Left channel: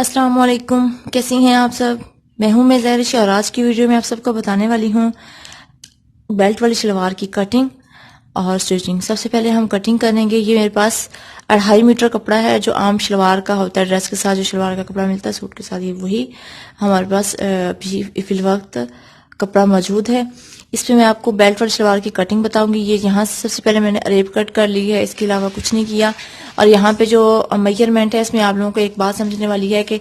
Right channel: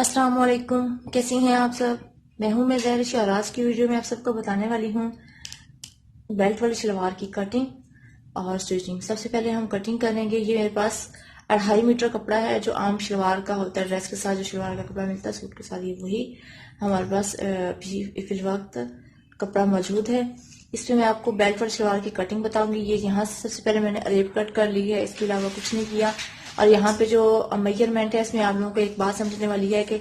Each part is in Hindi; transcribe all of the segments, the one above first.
अस्सलाम वालेकुम, कैसी हैं आप सब। मैं हूं ज़हरिश और आज की वीडियो में आप सबको बताने वाली हूं बेल्ट वाली शलवार की कटिंग और स्टिचिंग। सबसे पहले हम कटिंग करेंगे। ये मेरे पास 2.5 मीटर कपड़ा है जो आम शलवार का होता है, ड्रेस के साथ जो शलवार का कपड़ा मिलता है सूट के साथ, ये वही हमारे पास अभी फिल वक्त कपड़ा मौजूद है। इस पे मैं आपको बेल्ट वाली शलवार की कटिंग बताऊंगी। ये यहाँ से सबसे पहले मैंने अरेब कट कर ली है, इसके अलावा कुछ नहीं किया। और यहाँ पे जो मेजरमेंट है इसमें आप लोगों को एक बात समझने वाली है कि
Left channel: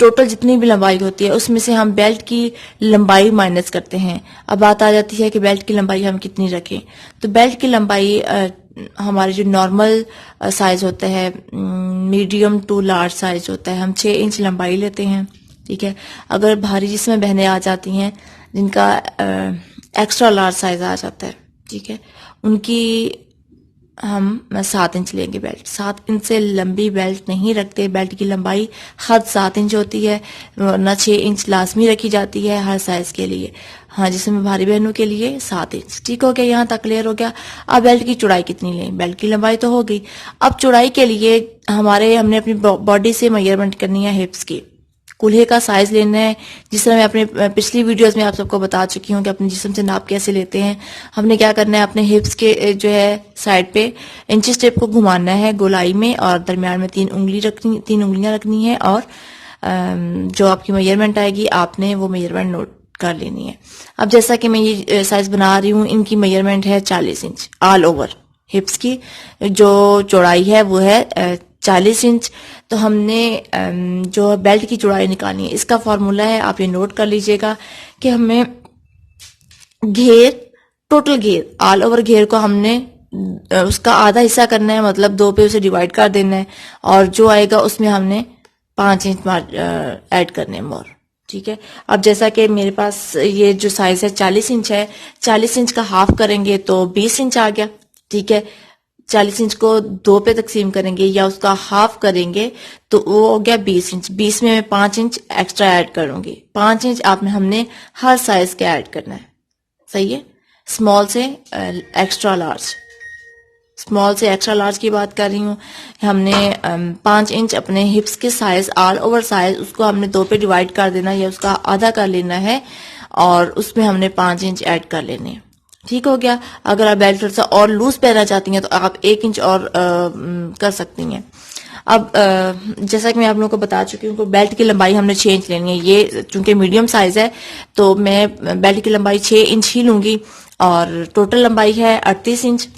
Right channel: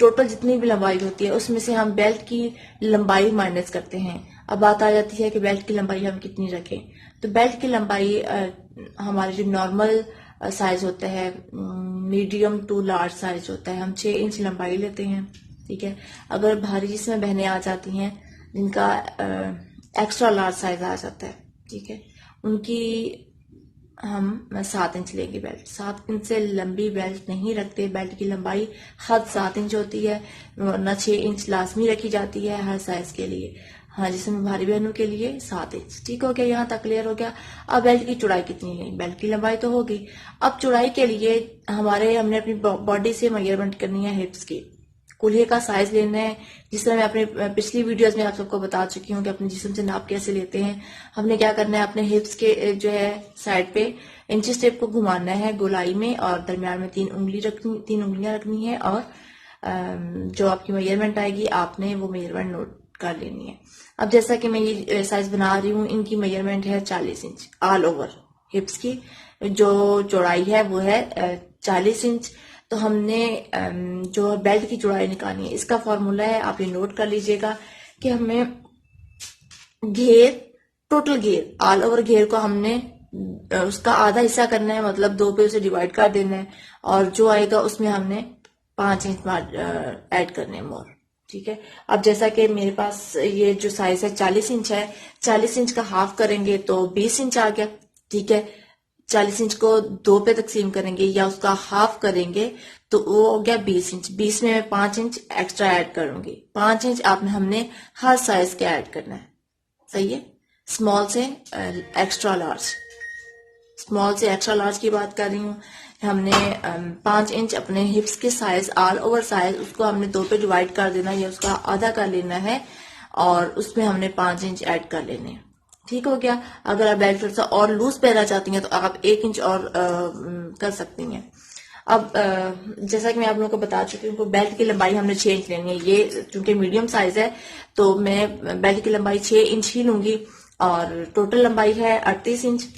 टोटल जितनी भी लंबाई होती है उसमें से हम बेल्ट की लंबाई माइनस करते हैं। अब बात आ जाती है कि बेल्ट की लंबाई हम कितनी रखें। तो बेल्ट की लंबाई हमारे जो नॉर्मल साइज होता है, मीडियम टू लार्ज साइज होता है, हम 6 इंच लंबाई लेते हैं। ठीक है। अगर भारी जिसमें बहनें आ जाती हैं जिनका एक्स्ट्रा लार्ज साइज आ जाता है, ठीक है, उनकी हम 7 इंच लेंगे बेल्ट। 7 इंच से लंबी बेल्ट नहीं रखते। बेल्ट की लंबाई हद 7 इंच होती है, न 6 इंच लाजमी रखी जाती है हर साइज के लिए। हाँ, जिसमें भारी बहनों के लिए 7 इंच। ठीक हो गया, यहाँ तक क्लियर हो गया। अब बेल्ट की चौड़ाई कितनी लें। बेल्ट की लंबाई तो हो गई। अब चौड़ाई के लिए हमने अपनी बॉडी से मेजरमेंट करनी है हिप्स की। कूल्हे का साइज लेना है। जिस तरह मैं अपने पिछली वीडियोस में आप सबको बता चुकी हूँ कि अपने जिस्म से नाप कैसे लेते हैं। हमने क्या करना है, अपने हिप्स के जो है साइड पे इंची स्टेप को घुमाना है गोलाई में, और दरमियान में 3 उंगलियां रखनी है। और जो आपकी मेजरमेंट आएगी आपने वो मेजरमेंट नोट कर लेनी है। अब जैसा कि मैं ये साइज बना रही हूँ, इनकी मेजरमेंट है 40 इंच ऑल ओवर। हिप्स की जो चौड़ाई है वो है 40 इंच। तो हमने जो बेल्ट की चौड़ाई निकालनी है, इसका फॉर्मूला है, आप ये नोट कर लीजिएगा कि हमें घेर, टोटल घेर, ऑल ओवर घेर को हमने उसका आधा हिस्सा करना है, मतलब 2 पे उसे डिवाइड कर देना है। और जो आएगा उसमें हमने 5 इंच ऐड करने हैं मोर। ठीक है। अब जैसा कि मेरे पास ये जो साइज है 40 इंच है, 40 इंच का हाफ करेंगे तो 20 इंच आ गया। ठीक है। 40 इंच को 2 पे तकसीम करेंगे या उसका हाफ करेंगे तो वो हो गया 20 इंच। 20 में मैं 5 इंच एक्स्ट्रा ऐड करूंगी। 5 इंच आपने हमने हर साइज का ऐड करना है। सही है। स्मॉल से एक्स्ट्रा लार्ज, स्मॉल से एक्स्ट्रा लार्ज की बात कर रही हूँ। हमने 5 इंच अपने हिप्स के साइज, ऑल ओवर साइज, उसको हमने 2 पे डिवाइड कर देना है या उसका आधा कर लेना है, और उसमें हमने 5 इंच ऐड कर लेने हैं। ठीक हो गया। अगर आप बेल्ट थोड़ा सा और लूज पहनना चाहती हैं तो आप 1 इंच और कर सकती हैं। अब जैसा कि मैं आप लोगों को बता चुकी हूँ, बेल्ट की लंबाई हमने 6 इंच लेनी है। ये चूंकि मीडियम साइज है तो मैं बेल्ट की लंबाई 6 इंच ही लूंगी। और टोटल लंबाई है 38 इंच।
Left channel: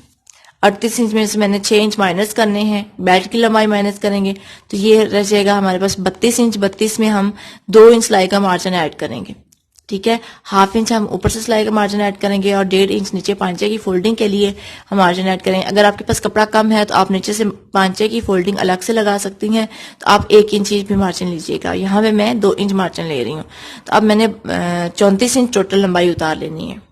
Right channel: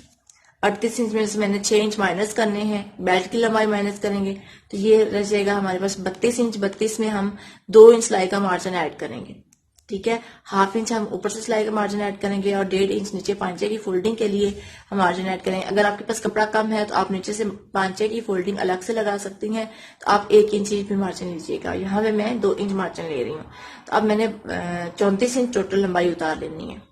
38 इंच में से मैंने 6 इंच माइनस करने हैं, बेल्ट की लंबाई माइनस करेंगे तो ये रह जाएगा हमारे पास 32 इंच। 32 में हम 2 इंच सिलाई का मार्जिन ऐड करेंगे। ठीक है। हाफ इंच हम ऊपर से सिलाई का मार्जिन ऐड करेंगे और 1.5 इंच नीचे पांचे की फोल्डिंग के लिए हम मार्जिन ऐड करेंगे। अगर आपके पास कपड़ा कम है तो आप नीचे से पांचे की फोल्डिंग अलग से लगा सकती हैं, तो आप 1 इंच भी मार्जिन लीजिएगा। यहाँ पे मैं 2 इंच मार्जिन ले रही हूँ। तो अब मैंने 34 इंच टोटल लंबाई उतार लेनी है।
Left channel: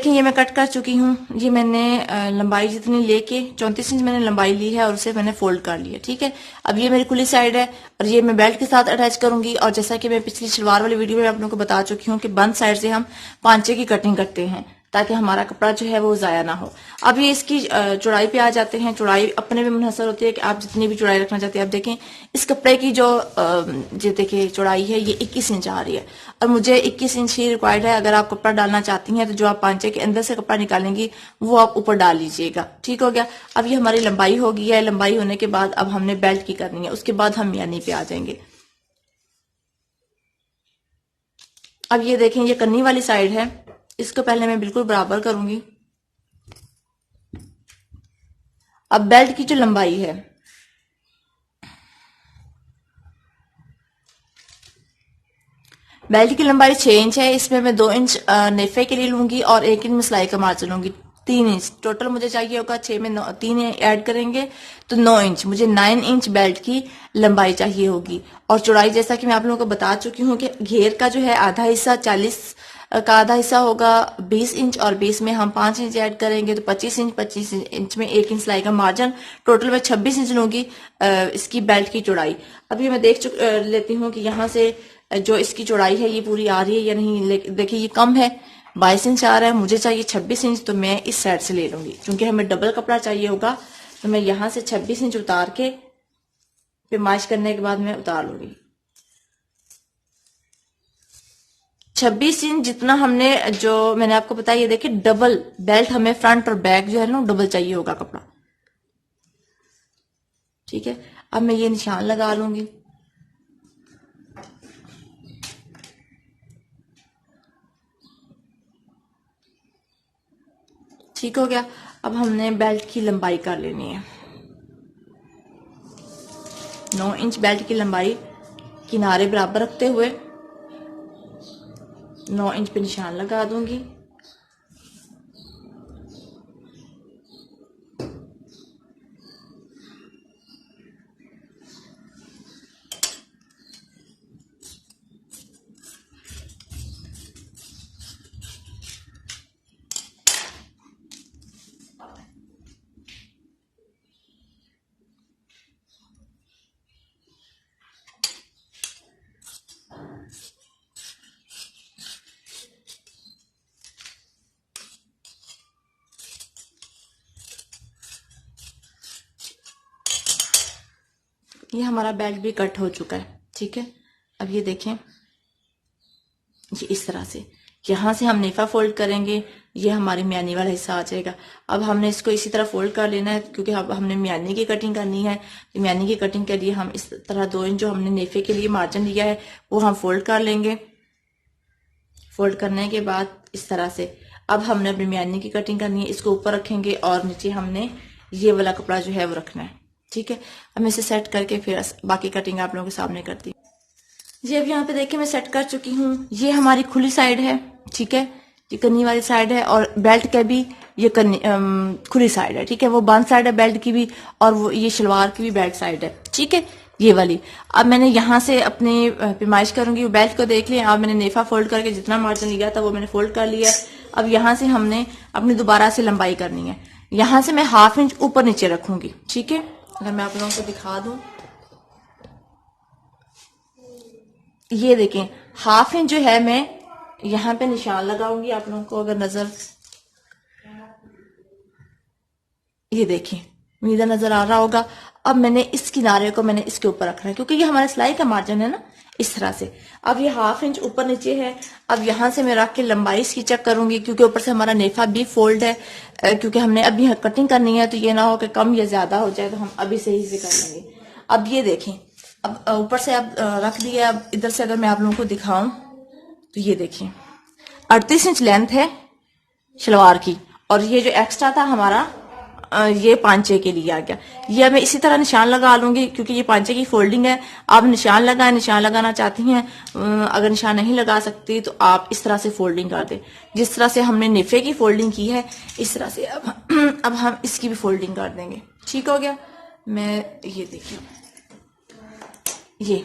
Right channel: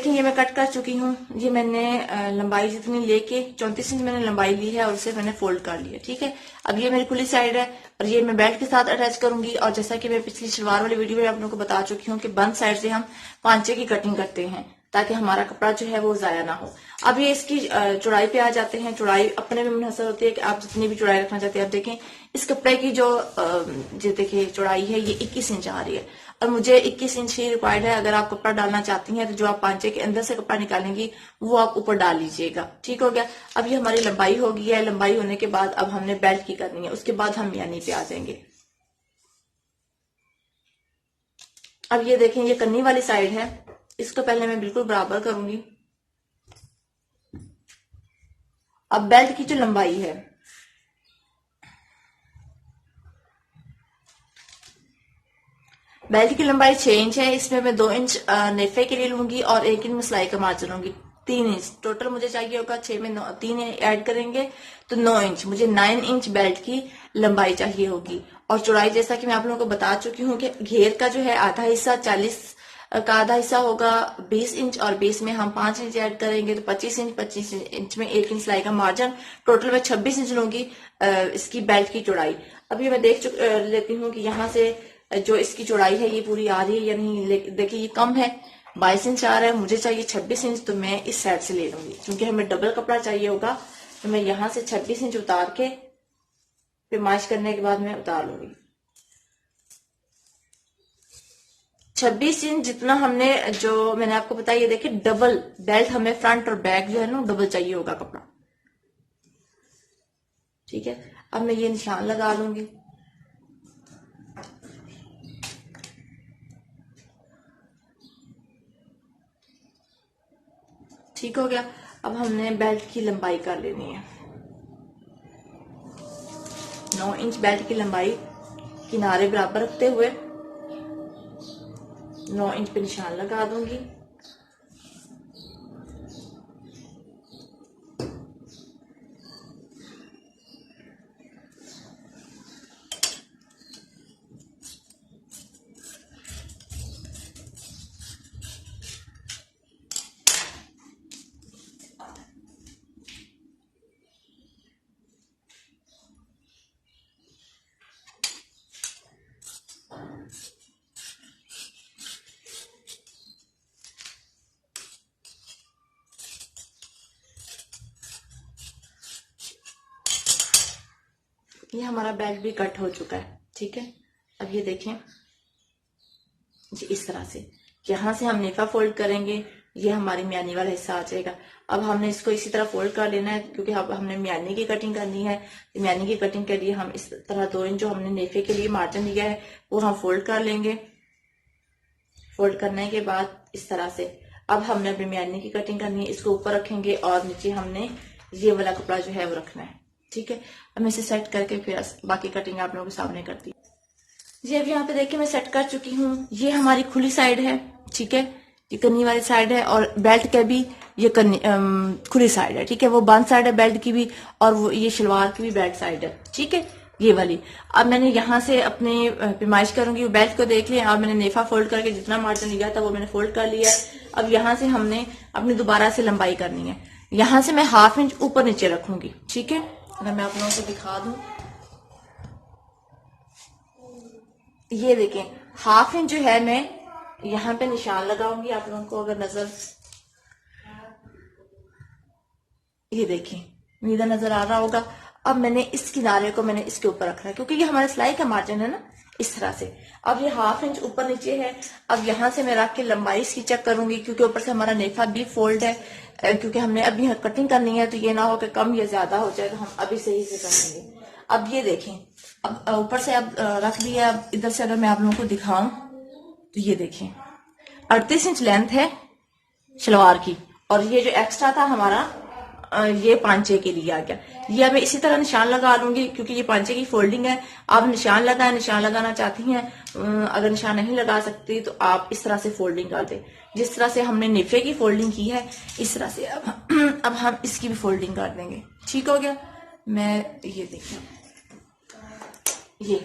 देखिए, ये मैं कट कर चुकी हूँ। ये मैंने लंबाई जितनी लेके 34 इंच मैंने लंबाई ली है और उसे मैंने फोल्ड कर लिया। ठीक है। अब ये मेरी खुली साइड है और ये मैं बेल्ट के साथ अटैच करूंगी। और जैसा कि मैं पिछली शलवार वाली वीडियो में आप लोगों को बता चुकी हूँ कि बंद साइड से हम पांचे की कटिंग करते हैं ताकि हमारा कपड़ा जो है वो जाया ना हो। अब ये इसकी चौड़ाई पे आ जाते हैं। चौड़ाई अपने पे मुनहसर होती है कि आप जितनी भी चौड़ाई रखना चाहते हैं। आप देखें, इस कपड़े की जो देखिए चौड़ाई है ये 21 इंच आ रही है और मुझे 21 इंच ही रिक्वायर्ड है। अगर आप कपड़ा डालना चाहती हैं तो जो आप पांचे के अंदर से कपड़ा निकालेंगी वो आप ऊपर डाल लीजिएगा। ठीक हो गया। अब ये हमारी लंबाई हो गई है। लंबाई होने के बाद अब हमने बेल्ट की करनी है, उसके बाद हम यानी पे आ जाएंगे। अब ये देखें, ये कन्नी वाली साइड है, इसको पहले मैं बिल्कुल बराबर करूंगी। अब बेल्ट की जो लंबाई है, बेल्ट की लंबाई 6 इंच है, इसमें मैं 2 इंच नेफे के लिए लूंगी और 1 इंच में सिलाई का मार्जिन लूंगी। 3 इंच टोटल मुझे चाहिए होगा, 6 में 3 ऐड करेंगे तो 9 इंच, मुझे 9 इंच बेल्ट की लंबाई चाहिए होगी। और चौड़ाई जैसा कि मैं आप लोगों को बता चुकी हूँ कि घेर का जो है आधा हिस्सा 40 का आधा हिस्सा होगा 20 इंच, और 20 में हम 5 इंच ऐड करेंगे तो 25 इंच, 25 इंच में 1 इंच सिलाई का मार्जिन, टोटल में 26 इंच लूंगी इसकी बेल्ट की चौड़ाई। अभी मैं लेती हूँ कि यहाँ से जो इसकी चौड़ाई है ये पूरी आ रही है या नहीं। देखिए ये कम है, 22 इंच आ रहा है, मुझे चाहिए 26 इंच, तो मैं इस साइड से ले लूंगी क्योंकि हमें डबल कपड़ा चाहिए होगा। तो मैं यहाँ से 26 इंच उतार के फिर मार्च करने के बाद मैं उतार लूंगी। 26 इंच जितना हमने, जो मैंने आपको बताया, ये देखिए डबल बेल्ट, हमें फ्रंट और बैक जो है ना डबल चाहिए होगा कपड़ा। ठीक है, अब मैं ये निशान लगा लूंगी। ठीक हो गया। अब हमने बेल्ट की लंबाई कर लेनी है। 9 इंच बेल्ट की लंबाई किनारे बराबर रखते हुए 9 इंच पे निशान लगा दूंगी। ये हमारा बेल्ट भी कट हो चुका है। ठीक है, अब ये देखें, ये इस तरह से यहां से हम नेफा फोल्ड करेंगे, ये हमारी म्यानी वाला हिस्सा आ जाएगा। अब हमने इसको इसी तरह फोल्ड कर लेना है क्योंकि अब हमने म्यानी की कटिंग करनी है। म्यानी की कटिंग के लिए हम इस तरह 2 इंच जो हमने नेफे के लिए मार्जिन लिया है वो हम फोल्ड कर लेंगे। फोल्ड करने के बाद इस तरह से अब हमने अपनी म्यानी की कटिंग करनी है, इसको ऊपर रखेंगे और नीचे हमने ये वाला कपड़ा जो है वो रखना है। ठीक है, अब मैं इसे सेट करके फिर बाकी कटिंग आप लोगों के सामने करती हूँ। जी अब यहाँ पे देखिए मैं सेट कर चुकी हूँ। ये हमारी खुली साइड है। ठीक है, ये कन्नी वाली साइड है और बेल्ट के भी ये खुली साइड है। ठीक है, वो बंद साइड है बेल्ट की भी और वो ये शलवार की भी बैक साइड है। ठीक है, ये वाली। अब मैंने यहाँ से अपनी पैमाइश करूंगी, बेल्ट को देख लिया। अब मैंने नेफा फोल्ड करके जितना मार्जिन लिया था वो मैंने फोल्ड कर लिया। अब यहाँ से हमने अपनी दोबारा से लंबाई करनी है। यहाँ से मैं ½ इंच ऊपर नीचे रखूंगी। ठीक है, अगर मैं आप लोगों को दिखा दूं, ये देखें ½ इंच जो है मैं यहाँ पे निशान लगाऊंगी। आप लोगों को अगर नजर, ये देखें उम्मीद नजर आ रहा होगा। अब मैंने इस किनारे को मैंने इसके ऊपर रखना है क्योंकि ये हमारा सिलाई का मार्जिन है ना, इस तरह से। अब ये ½ इंच ऊपर नीचे है। अब यहाँ से मैं रख के लंबाई इसकी चेक करूंगी क्योंकि ऊपर से हमारा नेफा भी फोल्ड है, क्योंकि हमने अभी कटिंग करनी है तो ये ना हो कि कम या ज्यादा हो जाए, तो हम अभी सही से कर लेंगे। अब ये देखें, अब ऊपर से अब रख दिया। अब इधर से अगर मैं आप लोगों को दिखाऊं तो ये देखें 38 इंच लेंथ है सलवार की, और ये जो एक्स्ट्रा था हमारा ये पांचे के लिए आ गया। ये मैं इसी तरह निशान लगा लूंगी क्योंकि ये पांचे की फोल्डिंग है। आप निशान लगाना चाहती हैं, अगर निशान नहीं लगा सकती तो आप इस तरह से फोल्डिंग कर दें, जिस तरह से हमने नेफे की फोल्डिंग की है इस तरह से अब हम इसकी भी फोल्डिंग कर देंगे। ठीक हो गया। मैं ये देखिए, ये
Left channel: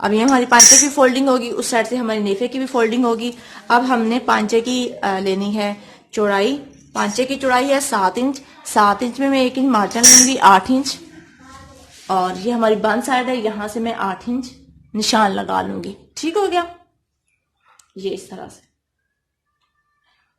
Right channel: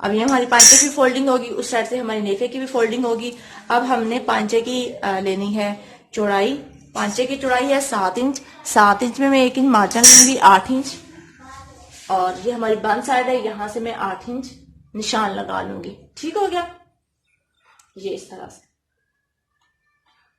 अब ये हमारी पांचे की फोल्डिंग होगी, उस साइड से हमारी नेफे की भी फोल्डिंग होगी। अब हमने पांचे की लेनी है चौड़ाई। पांचे की चौड़ाई है 7 इंच। 7 इंच में मैं 1 इंच मार्जिन लूंगी, 8 इंच, और ये हमारी बंद साइड है, यहां से मैं 8 इंच निशान लगा लूंगी। ठीक हो गया, ये इस तरह से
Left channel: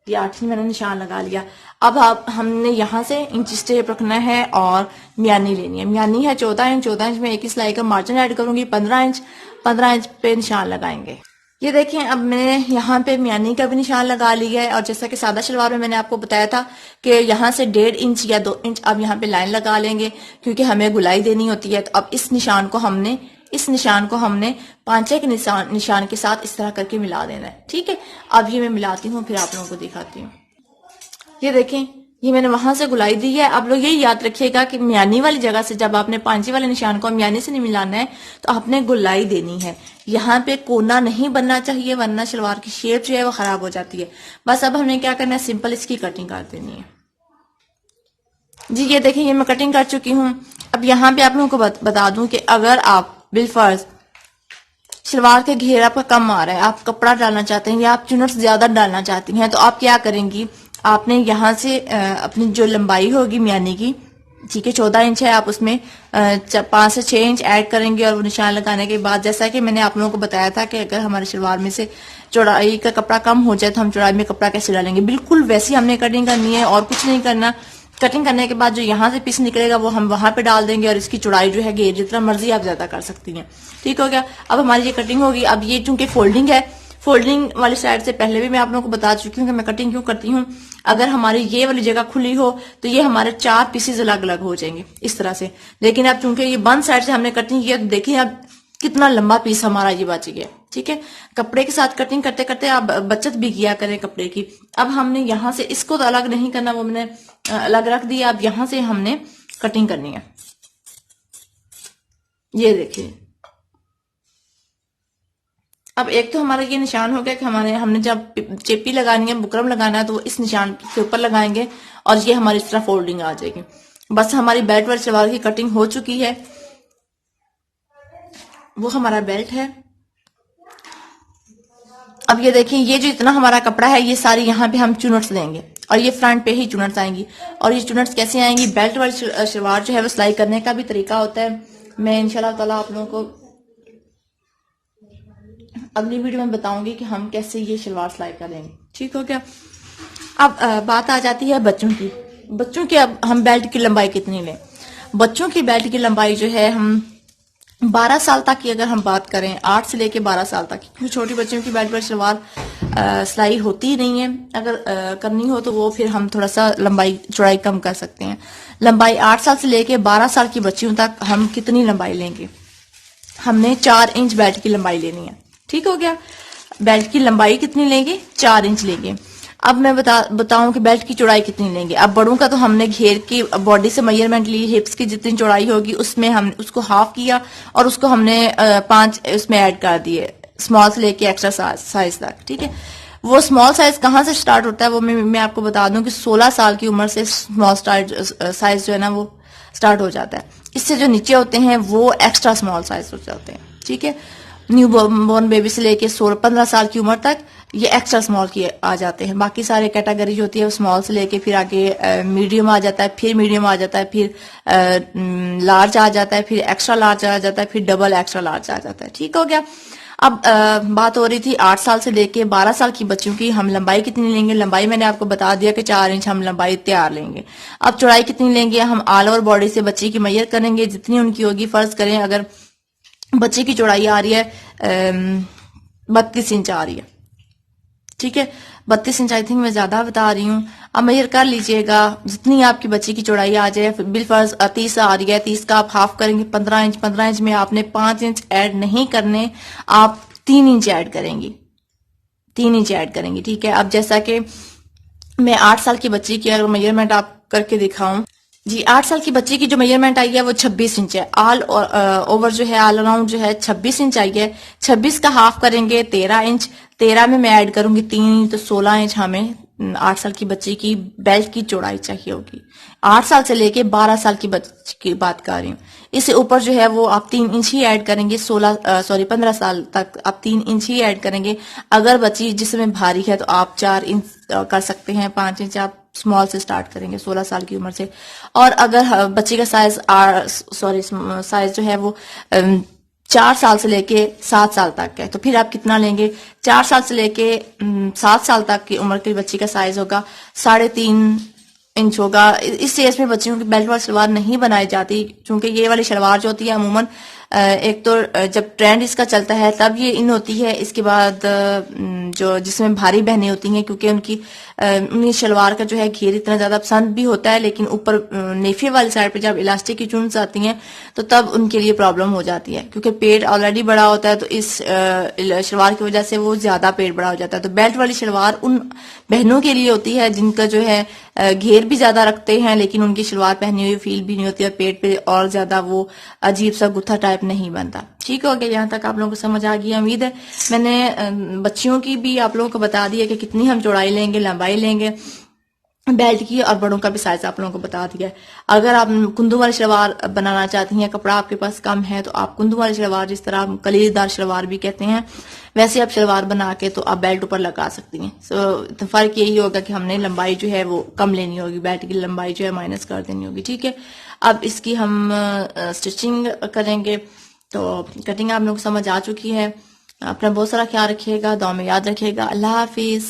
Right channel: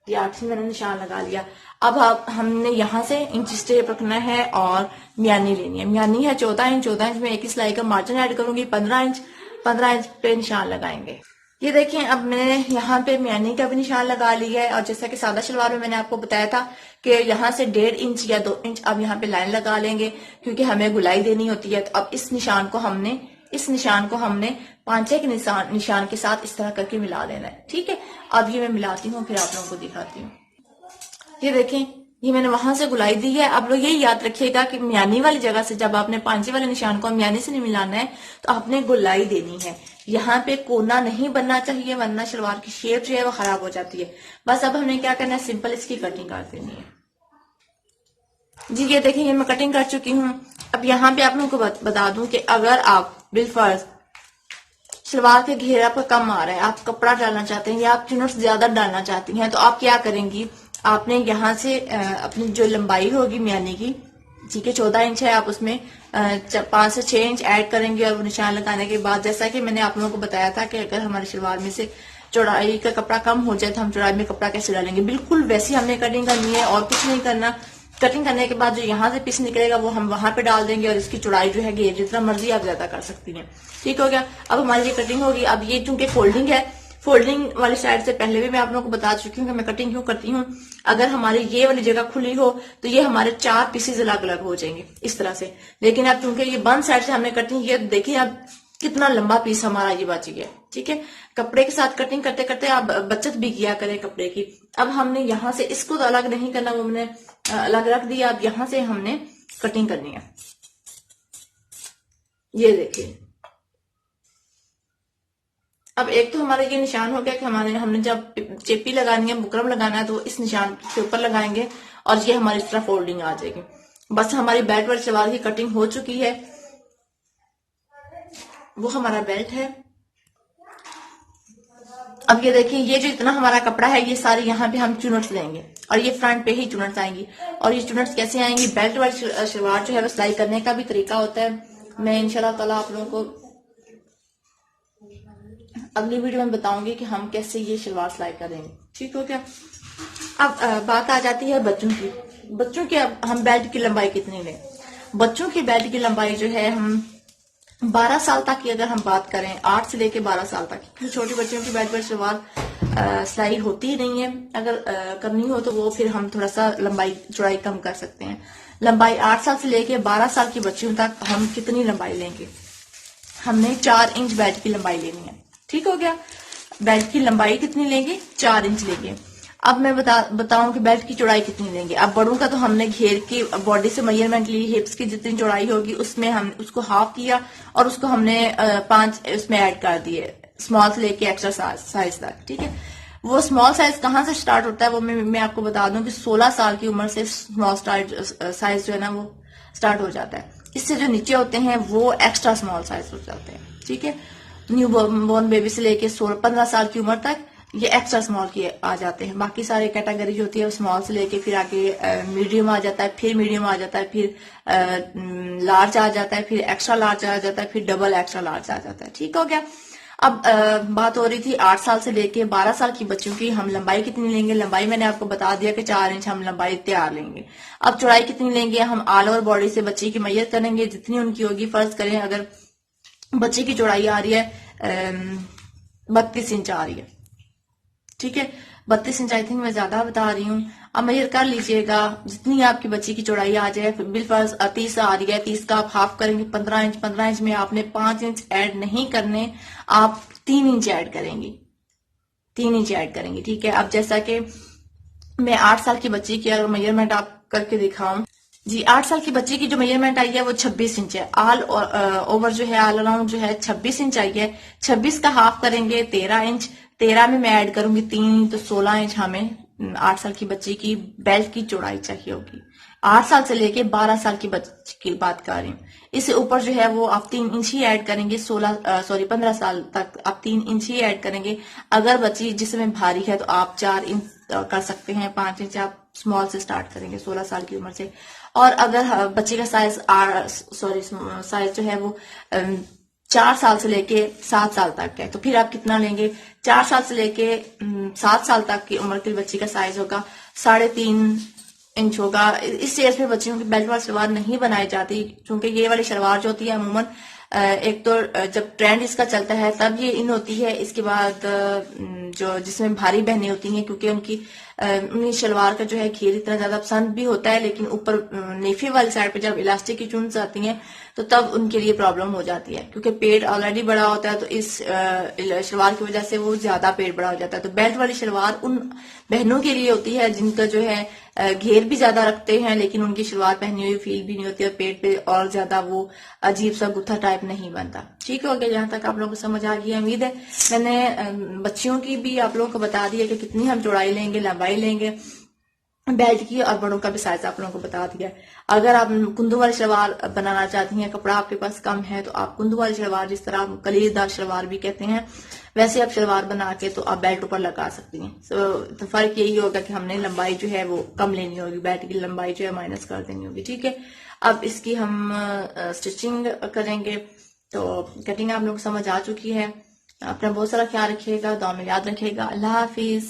ये 8 इंच मैंने निशान लगा लिया। अब हमने यहाँ से इंच स्टेप रखना है और म्यानी लेनी है। म्यानी है 14 इंच। 14 इंच में 1 सिलाई का मार्जिन ऐड करूंगी। 15 इंच, 15 इंच पे निशान लगाएंगे। ये देखें, अब मैंने यहाँ पे म्यानी का भी निशान लगा लिया है, और जैसा कि सादा शलवार में मैंने आपको बताया था कि यहाँ से 1.5 इंच या 2 इंच अब यहाँ पे लाइन लगा लेंगे क्योंकि हमें गुलाई देनी होती है। तो अब इस निशान को हमने पांचे के निशान के साथ इस तरह करके मिला देना है। ठीक है, अब ये मैं मिलाती हूँ फिर आप लोगों को दिखाती हूँ। ये देखें ये मैंने वहां से गुलाई दी है। आप लोग ये याद रखिएगा कि म्यानी वाली जगह से जब आपने पांची वाले निशान को म्यानी से नहीं मिलाना है तो आपने गुलाई देनी है। यहाँ पे कोना नहीं बनना चाहिए वरना सलवार की शेप जो है वो खराब हो जाती है। बस अब हमें क्या करना है, सिंपल इसकी कटिंग कर देनी है। जी ये देखिए, ये मैं कटिंग कर चुकी हूँ। अब यहाँ पे आप लोगों को बता दूं कि अगर आप बिलफर्ज सलवार के घेरा पर कम आ रहा है, आप कपड़ा डालना चाहते हैं या आप चुनट ज्यादा डालना चाहती हैं, तो आप क्या करेंगी, आपने यहाँ से अपनी जो लंबाई होगी म्यानी की, ठीक है 14 इंच है, आप उसमें 5 से 6 इंच ऐड करेंगे। और वो निशान लगाने के बाद जैसा कि मैंने आप लोगों को बताया था कि अगर हमारे सलवार में से चौड़ाई का कपड़ा कम हो जाए तो हम चौड़ाई में कपड़ा कैसे डालेंगे, बिल्कुल वैसी हमने कटिंग करनी है और कुछ नहीं करना। कटिंग करने के बाद जो यहाँ से पीस निकलेगा वो हम वहां पे डाल देंगे और इसकी चौड़ाई जो है घेर जितना मर्जी आप ज्यादा कर सकती हैं। ठीक हो गया। अब हमारी ये कटिंग होगी। अब ये चूंकि फोल्डिंग है, फोल्डिंग वाली साइड से पहले भी मैं आप लोगों को बता चुकी हूँ कि मैं कटिंग क्यों करती हूँ। अगर हमारी ये वाली जगह खुली हो तो ये हमारे 4 पीसेज अलग अलग हो जाएंगे इस तरह से। लेकिन अब चूंकि ये बंद साइड से हमने कटिंग किया तो देखिए अब कितना लंबा पीस हमारा ये बच गया। ठीक है, कपड़े के साथ कटिंग करते करते आप बचत भी किया करें कपड़े की। अब हमने यहाँ से इसको तो अलग नहीं करना, वो हमने अलग रख दिया। अब यहाँ से हमने कटिंग करनी है। ये देखिए, अब एक तो हमारा ये निशान हो गया कि हमने जब चेपी लगानी है, बुकरम लगाना है, तो वो इस निशान के ऊपर लगाएंगे और ये हमारी इस तरह फोल्डिंग आ जाएगी। बस हमारी बेल्ट वाली सलवार की कटिंग हो चुकी है। वो हमारा बेल्ट है। अब ये देखिए, ये जो इतना हमारा कपड़ा है ये सारी यहाँ पे हम चुनट्स देंगे और ये फ्रंट पे ही चुनट्स आएंगी। और ये चुनट्स कैसे आएंगी, बेल्ट वाली सलवार जो है वो सिलाई करने का भी तरीका होता है। मैं इंशाल्लाह ताला आप लोगों को अगली वीडियो में बताऊंगी कि हम कैसे ये सलवार सिलाई करेंगे। ठीक हो गया। अब बात आ जाती है बच्चों की। बच्चों की अब हम बेल्ट की लंबाई कितनी लें। बच्चों की बेल्ट की लंबाई जो है हम 12 साल तक की अगर हम बात करें, 8 से लेके 12 साल तक, क्योंकि छोटे बच्चों की बेल्ट पर सलवार सिलाई होती ही नहीं है। अगर करनी हो तो वो फिर हम थोड़ा सा लंबाई चौड़ाई कम कर सकते हैं। लंबाई 8 साल से लेके 12 साल की बच्चियों तक हम कितनी लंबाई लेंगे, हमने 4 इंच बेल्ट की लंबाई लेनी है। ठीक हो गया। बेल्ट की लंबाई कितनी लेंगे, 4 इंच लेंगे। अब मैं बताऊं कि बेल्ट की चौड़ाई कितनी लेंगे। अब बड़ों का तो हमने घेर की बॉडी से मेजरमेंट ली, हिप्स की जितनी चौड़ाई होगी उसमें हम उसको हाफ किया और उसको हमने 5 उसमें ऐड कर दिए, स्मॉल से लेके एक्स्ट्रा साइज तक। ठीक है, वो स्मॉल साइज कहाँ से स्टार्ट होता है वो मैं आपको बता दूं कि 16 साल की उम्र से स्मॉल साइज जो है ना वो स्टार्ट हो जाता है। इससे जो नीचे होते हैं वो एक्स्ट्रा स्मॉल साइज हो जाते हैं। ठीक है, न्यू बॉर्न बेबी से लेके 16-15 साल की उम्र तक ये एक्स्ट्रा स्मॉल की आ जाते हैं। बाकी सारे कैटेगरी जो होती है स्मॉल से लेके फिर आगे मीडियम आ जाता है, फिर मीडियम आ जाता है, फिर लार्ज आ जाता है, फिर एक्स्ट्रा लार्ज आ जाता है, फिर डबल एक्स्ट्रा लार्ज आ जाता है। ठीक हो गया। अब बात हो रही थी 8 साल से लेके 12 साल की बच्चियों की, हम लंबाई कितनी लेंगे। लंबाई मैंने आपको बता दिया कि 4 इंच हम लंबाई तैयार लेंगे। अब चौड़ाई कितनी लेंगे, हम ऑल ओवर बॉडी से बच्ची की मैयर करेंगे जितनी उनकी होगी। फर्ज करें अगर बच्चे की चौड़ाई आ रही है 32 इंच आ रही है। ठीक है, 32 इंच आई थिंक मैं ज्यादा बता रही हूँ। अब मेजर कर लीजिएगा जितनी आपकी बच्ची की चौड़ाई आ जाए। बिलफर्ज 30 आ रही है, 30 का आप हाफ करेंगे 15 इंच। 15 इंच में आपने 5 इंच ऐड नहीं करने, आप 3 इंच ऐड करेंगी, 3 इंच ऐड करेंगी। ठीक है, अब जैसा कि मैं 8 साल की बच्ची की अगर मेजरमेंट आप करके दिखाऊं, जी 8 साल की बच्ची की जो मेजरमेंट आई है वो 26 इंच है। ऑल ओवर जो है ऑल अराउंड जो है 26 इंच आई है। 26 का हाफ करेंगे 13 इंच। 13 में मैं ऐड करूंगी 3 इंच, तो 16 इंच हमें 8 साल की बच्ची की बेल्ट की चौड़ाई चाहिए होगी। 8 साल से लेके 12 साल की बच्ची की बात कर रही हूँ। इससे ऊपर जो है वो आप 3 इंच ही ऐड करेंगे। 15 साल तक आप 3 इंच ही ऐड करेंगे। अगर बच्ची जिसमें भारी है तो आप 4 इंच कर सकते हैं। 5 इंच आप स्मॉल से स्टार्ट करेंगे 16 साल की उम्र से। और अगर बच्चे का साइज जो है वो 4 साल से लेके 7 साल तक है, तो फिर आप कितना लेंगे। 4 साल से लेके 7 साल तक की उम्र की बच्ची का साइज होगा 3.5 इंच होगा। इस एज में बच्चियों की बेल्ट वाली सलवार नहीं बनाई जाती, क्योंकि ये वाली सलवार जो होती है अमूमन एक तो जब ट्रेंड इसका चलता है तब ये इन होती है। इसके बाद जो जिसमें भारी बहनें होती हैं, क्योंकि उनकी शलवार का जो है घेर इतना ज्यादा पसंद भी होता है, लेकिन ऊपर नेफे वाली साइड पे जब इलास्टिक की चुन्स आती हैं तो तब उनके लिए प्रॉब्लम हो जाती है, क्योंकि पेट ऑलरेडी बड़ा होता है तो इस शलवार की वजह से वो ज्यादा पेट बड़ा हो जाता है। तो बेल्ट वाली शलवार उन बहनों के लिए होती है जिनका जो है घेर भी ज्यादा रखते हैं, लेकिन उनकी शलवार पहनी हुई फील भी नहीं होती और पेट पे और ज्यादा वो अजीब सा गुत्था टाइप नहीं बनता। ठीक हो गया, यहाँ तक आप लोगों को समझ आ गई उम्मीद है। मैंने बच्चियों की भी आप लोगों को बता दिया कि कितनी हम चौड़ाई लेंगे, लंबाई लेंगे बेल्ट की, और बड़ों का भी साइज आप लोगों को बता दिया है। अगर आप कुंदू वाली शलवार बनाना चाहती हैं, कपड़ा आपके पास कम है, तो आप कुंदू वाली शलवार, जिस तरह आप कलीरेदार शलवार भी कहते हैं, वैसे आप शलवार बना के तो आप बेल्ट ऊपर लगा सकती हैं। तो फर्क यही होगा कि हमने लंबाई जो है वो कम लेनी होगी, बेल्ट की लंबाई जो है माइनस कर देनी होगी। ठीक है, अब इसकी हम स्टिचिंग करेंगे। तो कटिंग आप लोग समझ आ चुकी है। अपना बहुत सारा ख्याल रखिएगा, दुआ में याद रखिएगा। अल्लाह हाफिज।